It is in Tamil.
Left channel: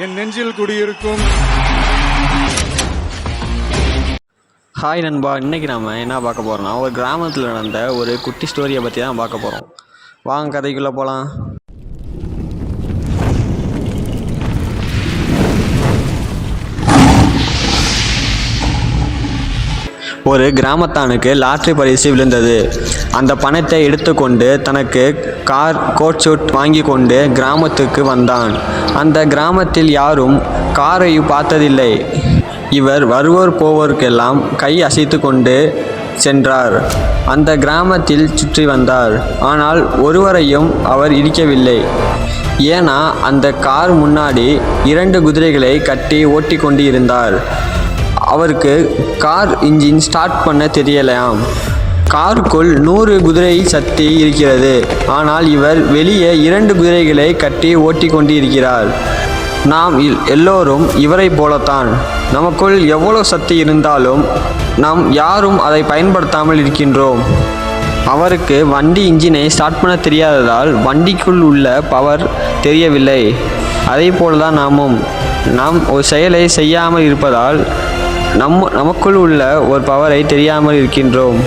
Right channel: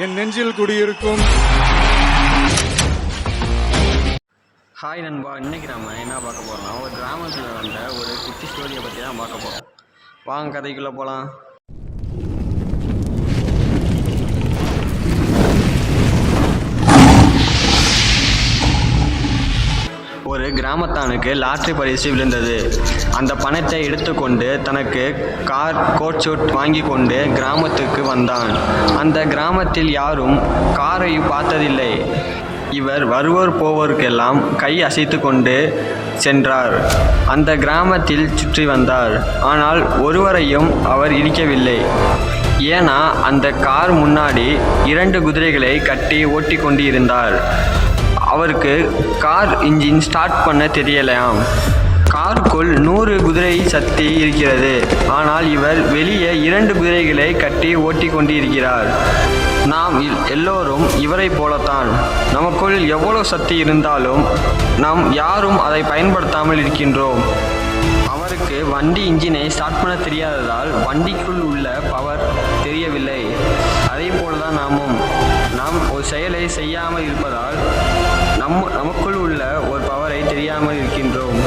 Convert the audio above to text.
என் நெஞ்சில் குடியிருக்கும். ஹாய் நண்பா, இன்றைக்கி நம்ம என்ன பார்க்க போகிறோம்னா ஒரு கிராமத்தில் நடந்த ஒரு குட்டி ஸ்டோரியை பற்றி தான் பார்க்க போகிறோம். வாங்க கதைக்குள்ளே போகலாம். ஒரு கிராமத்தானுக்கு லாட்ரி பரிசு விழுந்தது. அந்த பணத்தை எடுத்துக்கொண்டு தனக்கு கோட் ஷூட் வாங்கி கொண்டு கிராமத்துக்கு வந்தான். அந்த கிராமத்தில் யாரும் காரை பார்த்ததில்லை. இவர் வருவோர் போவோருக்கெல்லாம் கை அசைத்து கொண்டு சென்றார். அந்த கிராமத்தில் சுற்றி வந்தார். ஆனால் ஒருவரையும் அவர் இடிக்கவில்லை. ஏன்னா அந்த கார் முன்னாடி 2 குதிரைகளை கட்டி ஓட்டி கொண்டு இருந்தார். அவருக்கு கார் இன்ஜின் ஸ்டார்ட் பண்ண தெரியலையாம். காருக்குள் 100 குதிரை சக்தி இருக்கிறது. ஆனால் இவர் வெளியே 2 குதிரைகளை கட்டி ஓட்டி கொண்டு இருக்கிறார். நாம் எல்லோரும் இவரை போலத்தான். நமக்குள் எவ்வளோ சக்தி இருந்தாலும் நாம் யாரும் அதை பயன்படுத்தாமல் இருக்கின்றோம். அவருக்கு வண்டி இன்ஜினை ஸ்டார்ட் பண்ண தெரியாததால் வண்டிக்குள் உள்ள பவர் தெரியவில்லை. அதே போல தான் நாம் ஒரு செயலை செய்யாமல் இருப்பதால் நமக்குள் உள்ள ஒரு பவரை தெரியாமல் இருக்கின்றோம்.